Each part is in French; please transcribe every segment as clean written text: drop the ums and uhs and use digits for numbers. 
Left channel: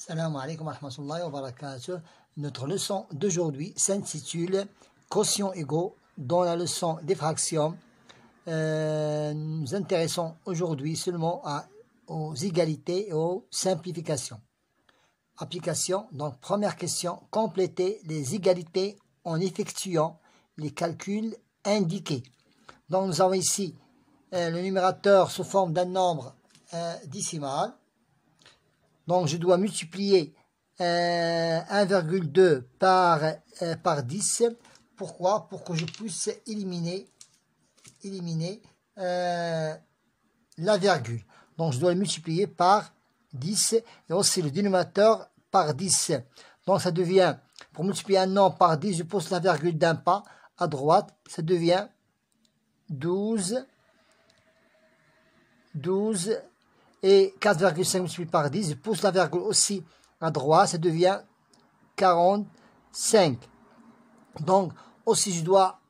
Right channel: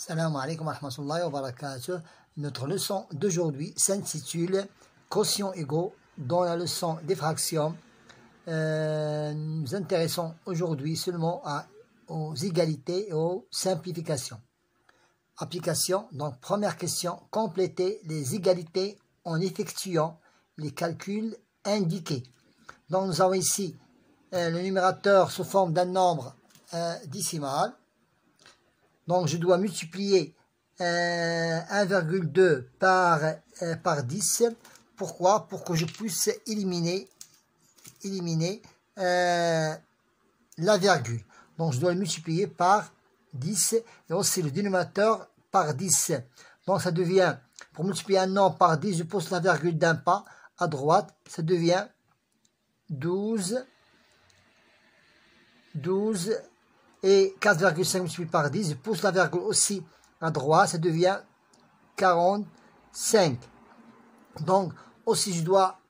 Salam alaikum wa rahmatullahi wa barakatuh. Notre leçon d'aujourd'hui s'intitule Quotients égaux. Dans la leçon des fractions, nous nous intéressons aujourd'hui seulement aux égalités et aux simplifications. Application, donc première question, compléter les égalités en effectuant les calculs indiqués. Donc nous avons ici le numérateur sous forme d'un nombre décimal. Donc je dois multiplier 1,2 par 10. Pourquoi? Pour que je puisse éliminer la virgule. Donc je dois le multiplier par 10 et aussi le dénominateur par 10. Donc ça devient, pour multiplier un nombre par 10, je pousse la virgule d'un pas à droite, ça devient 12 et 4,5 multiplié par 10, je pousse la virgule aussi à droite, ça devient 45. Donc aussi je dois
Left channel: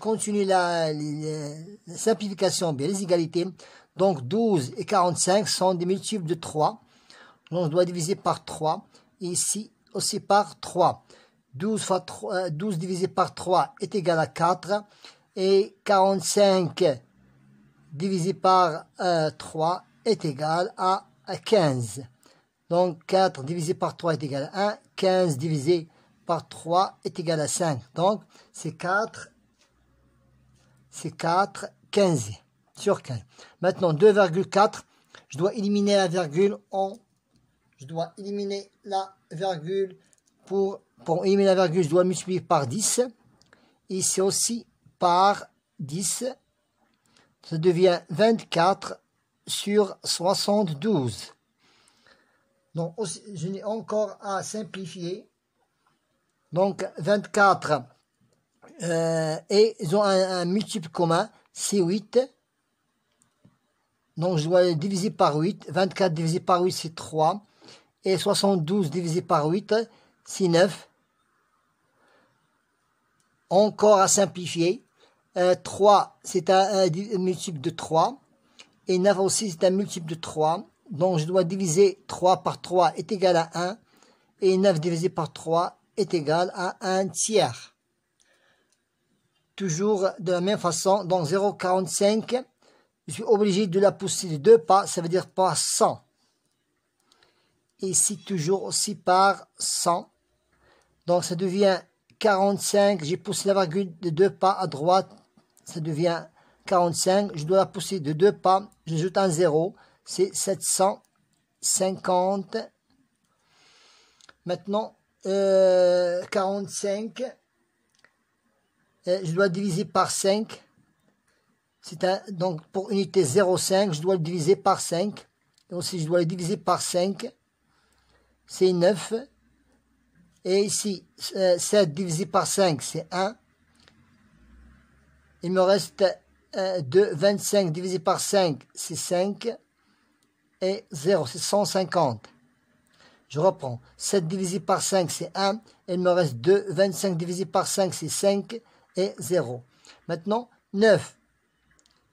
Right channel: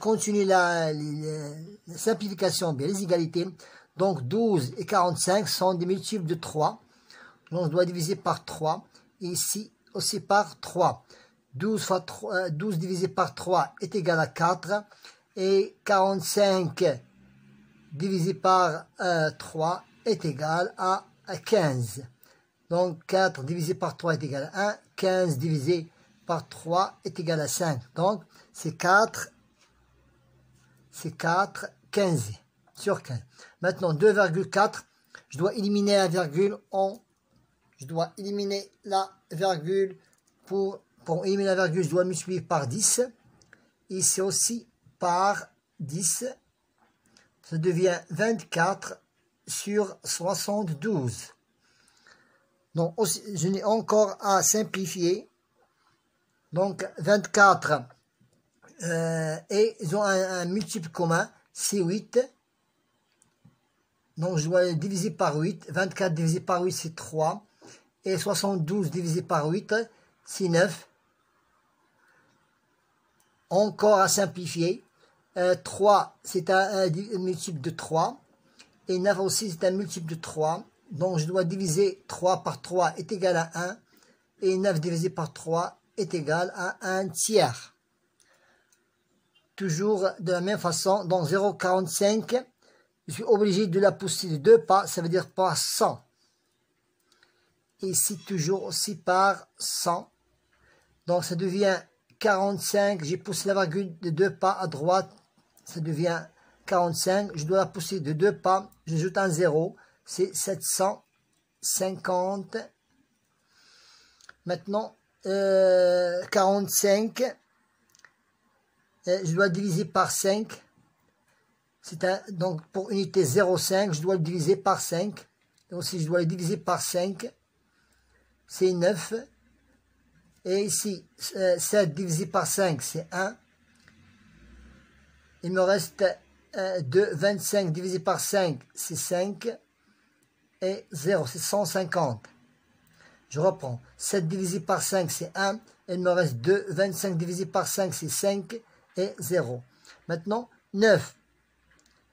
continuer la simplification, bien les égalités. Donc 12 et 45 sont des multiples de 3. Donc je dois diviser par 3 et ici aussi par 3. 12 divisé par 3 est égal à 4 et 45 divisé par 3 est égal à 15. Donc 4 divisé par 3 est égal à 1. 15 divisé par 3 est égal à 5. Donc c'est 4 15 sur 15. Maintenant 2,4, je dois éliminer la virgule pour éliminer la virgule, je dois multiplier par 10. Ici aussi par 10. Ça devient 24 sur 72. Donc aussi, je n'ai encore à simplifier. Donc 24 et ils ont un multiple commun, c'est 8. Donc je dois le diviser par 8. 24 divisé par 8 c'est 3. Et 72 divisé par 8 c'est 9. Encore à simplifier. 3 c'est un multiple de 3. Et 9 aussi c'est un multiple de 3. Donc je dois diviser 3 par 3 est égal à 1. Et 9 divisé par 3 est égal à 1 tiers. Toujours de la même façon, donc 0,45, je suis obligé de la pousser de 2 pas, ça veut dire par 100. Et ici toujours aussi par 100. Donc ça devient 45, j'ai poussé la virgule de 2 pas à droite, ça devient 45, je dois la pousser de 2 pas, j'ajoute un 0, c'est 750. Maintenant, 45, je dois diviser par 5. Donc pour unité 0,5, je dois le diviser par 5. Et aussi, je dois le diviser par 5. C'est 9. Et ici, 7 divisé par 5, c'est 1. Il me reste 2. 25 divisé par 5, c'est 5. Et 0, c'est 150. Je reprends. 7 divisé par 5, c'est 1. Il me reste 2. 25 divisé par 5, c'est 5. Et 0. Maintenant, 9.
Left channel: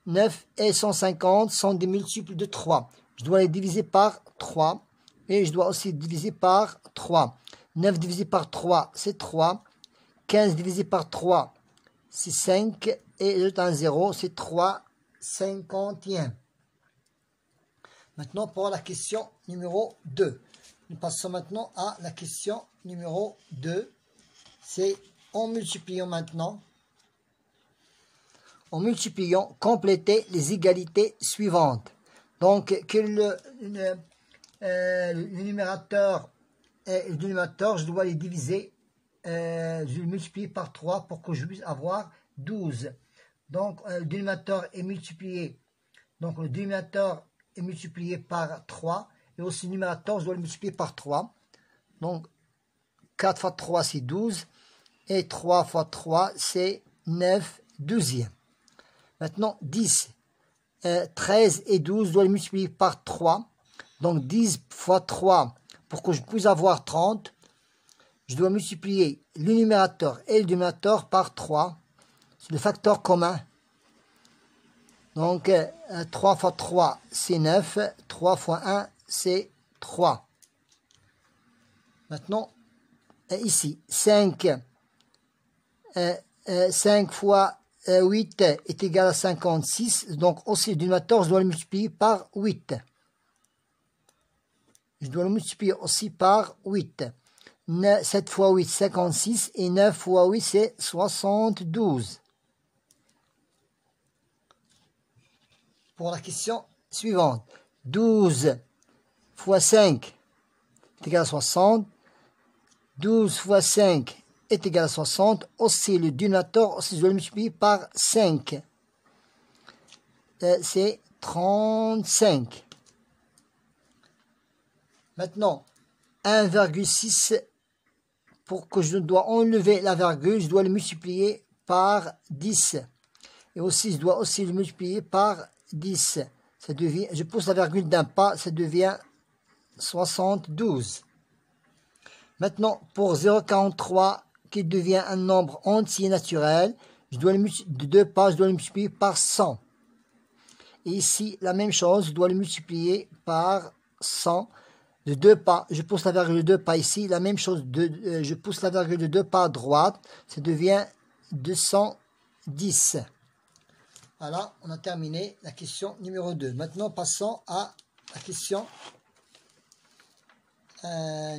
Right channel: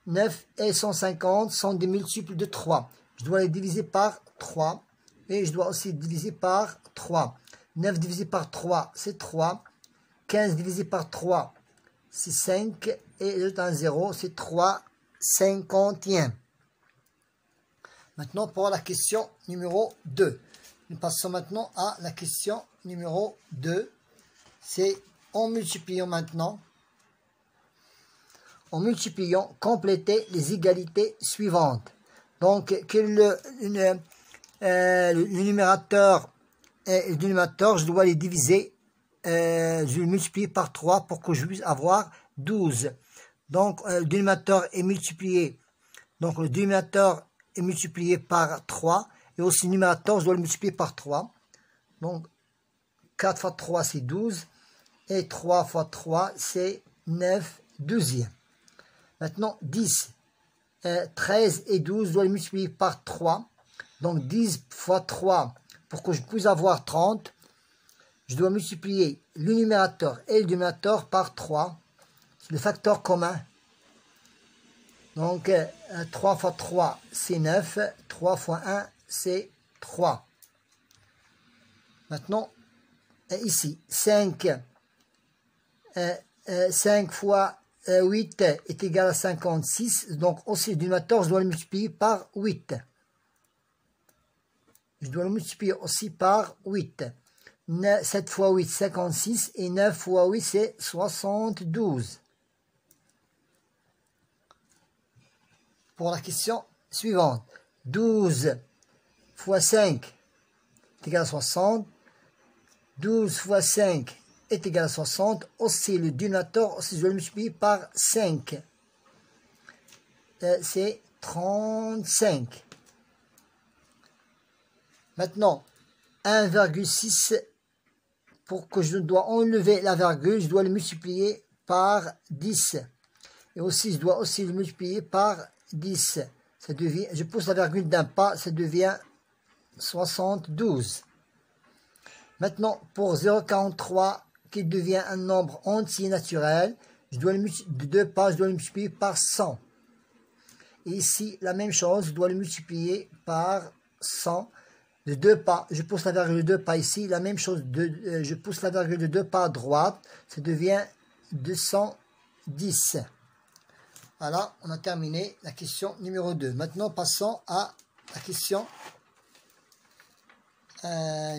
9 et 150 sont des multiples de 3. Je dois les diviser par 3. Et je dois aussi diviser par 3. 9 divisé par 3, c'est 3. 15 divisé par 3, c'est 5. Et j'ajoute un 0, c'est 3 cinquantièmes. Maintenant, pour la question numéro 2. Nous passons maintenant à la question numéro 2. C'est en multipliant maintenant. En multipliant, compléter les égalités suivantes. Donc, que le numérateur et le dénominateur, je dois les diviser. Je vais multiplier par 3 pour que je puisse avoir 12. Donc, le dénominateur est multiplié. Donc, le dénominateur est multiplié par 3. Et aussi, le numérateur, je dois le multiplier par 3. Donc, 4 fois 3, c'est 12. Et 3 fois 3, c'est 9 douzièmes. Maintenant, 10, 13 et 12, je dois les multiplier par 3. Donc, 10 fois 3, pour que je puisse avoir 30, je dois multiplier le numérateur et le dénominateur par 3. C'est le facteur commun. Donc, 3 fois 3, c'est 9. 3 fois 1, c'est 3. Maintenant, ici, 5 fois 8 est égal à 56. Donc, aussi, le dénominateur, je dois le multiplier par 8. Je dois le multiplier aussi par 8. 7 fois 8, 56. Et 9 fois 8, c'est 72. Pour la question suivante. 12 fois 5 est égal à 60. 12 fois 5 est égal à 60. Aussi, le dénominateur, aussi, je dois le multiplier par 5. C'est 35. Maintenant, 1,6, pour que je dois enlever la virgule, je dois le multiplier par 10. Et aussi, je dois aussi le multiplier par 10. Ça devient, je pousse la virgule d'un pas, ça devient 72. Maintenant, pour 0,43, qui devient un nombre entier naturel, je dois de 2 pas, je dois le multiplier par 100. Et ici, la même chose, je dois le multiplier par 100. De 2 pas, je pousse la virgule de 2 pas ici, la même chose, je pousse la virgule de 2 pas à droite, ça devient 210. Voilà, on a terminé la question numéro 2. Maintenant, passons à la question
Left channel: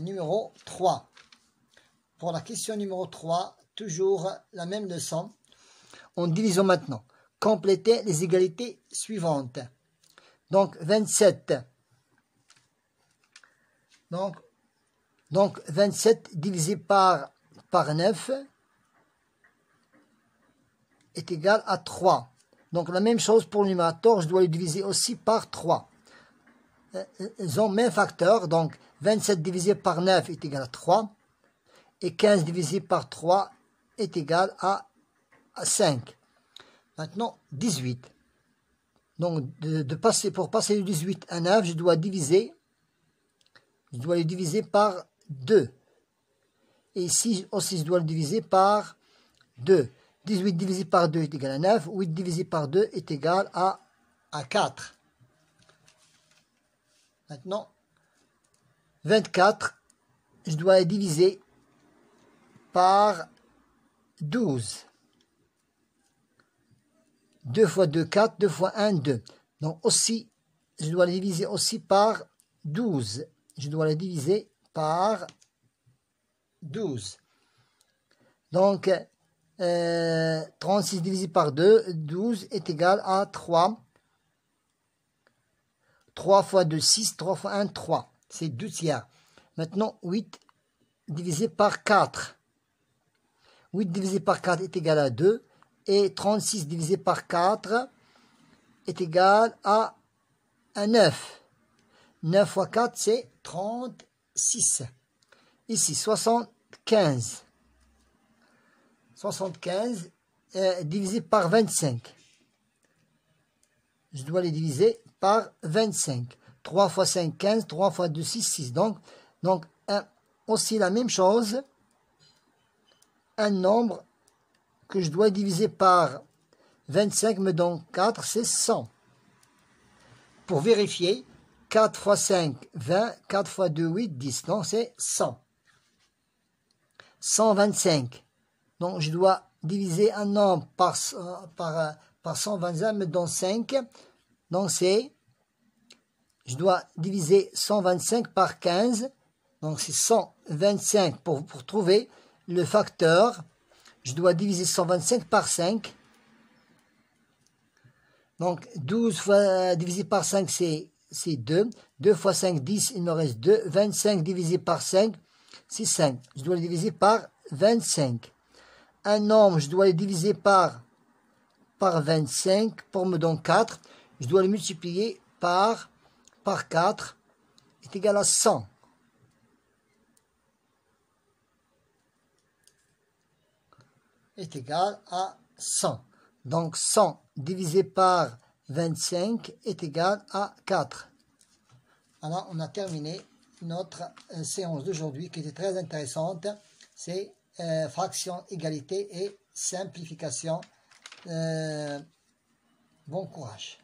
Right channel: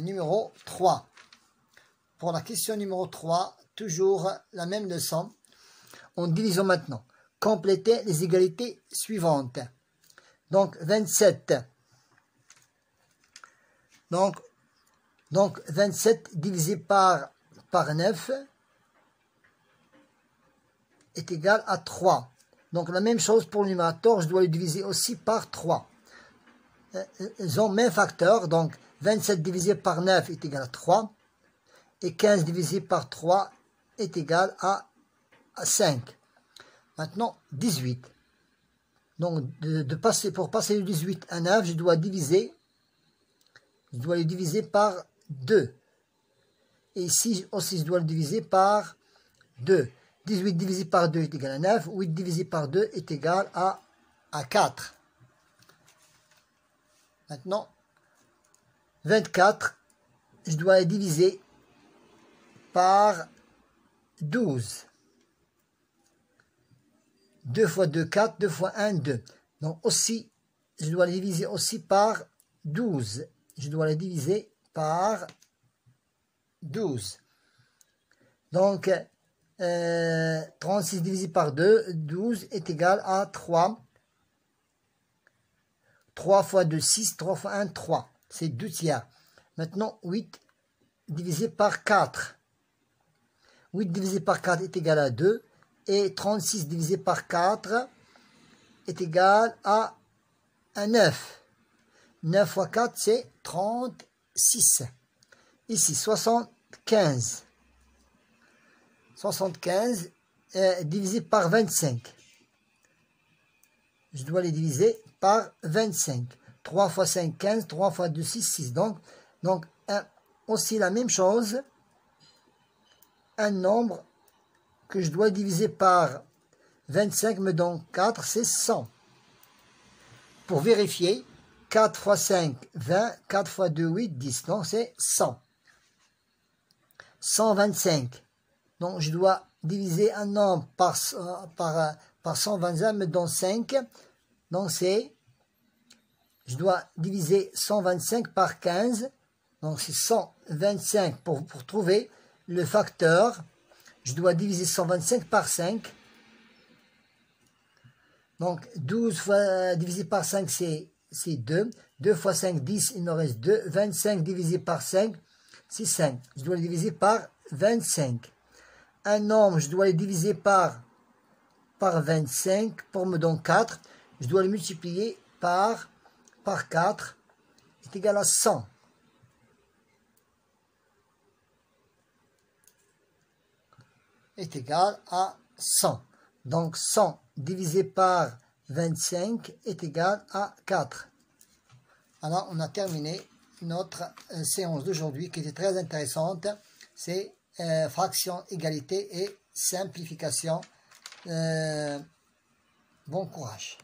numéro 3. Pour la question numéro 3, toujours la même leçon. En divisant maintenant. Complétez les égalités suivantes. Donc, 27. Donc 27 divisé par 9 est égal à 3. Donc, la même chose pour le numérateur, je dois le diviser aussi par 3. Ils ont le même facteur, donc 27 divisé par 9 est égal à 3. Et 15 divisé par 3 est égal à 5. Maintenant, 18. Donc, pour passer de 18 à 9, je dois le diviser par 2. Et ici aussi, je dois le diviser par 2. 18 divisé par 2 est égal à 9. 8 divisé par 2 est égal à 4. Maintenant, 24, je dois le diviser par 12. 2 fois 2, 4. 2 fois 1, 2. Donc aussi, je dois le diviser aussi par 12. Je dois le diviser par 12. Donc, 36 divisé par 2, 12 est égal à 3. 3 fois 2, 6. 3 fois 1, 3. C'est 2 tiers. Maintenant, 8 divisé par 4. 8 divisé par 4 est égal à 2. Et 36 divisé par 4 est égal à 9. 9 fois 4, c'est 36. Ici, 75. 75 divisé par 25. Je dois les diviser par 25. 3 fois 5, 15. 3 fois 2, 6, 6. Donc aussi la même chose. Un nombre que je dois diviser par 25 me donne 4, c'est 100. Pour vérifier, 4 fois 5, 20. 4 fois 2, 8, 10. Donc, c'est 100. 125. Donc, je dois diviser un nombre par 125, me donne 5. Donc, je dois diviser 125 par 15. Donc, c'est 125 pour trouver le facteur. Je dois diviser 125 par 5. Donc, 12 fois divisé par 5, c'est 2. 2 fois 5, 10, il me reste 2. 25 divisé par 5, c'est 5. Je dois le diviser par 25. Un nombre, je dois le diviser par 25 pour me donner 4. Je dois le multiplier par 4. Est égal à 100. Est égal à 100. Donc 100 divisé par 25 est égal à 4. Alors on a terminé notre séance d'aujourd'hui qui était très intéressante. C'est fraction, égalité et simplification. Bon courage.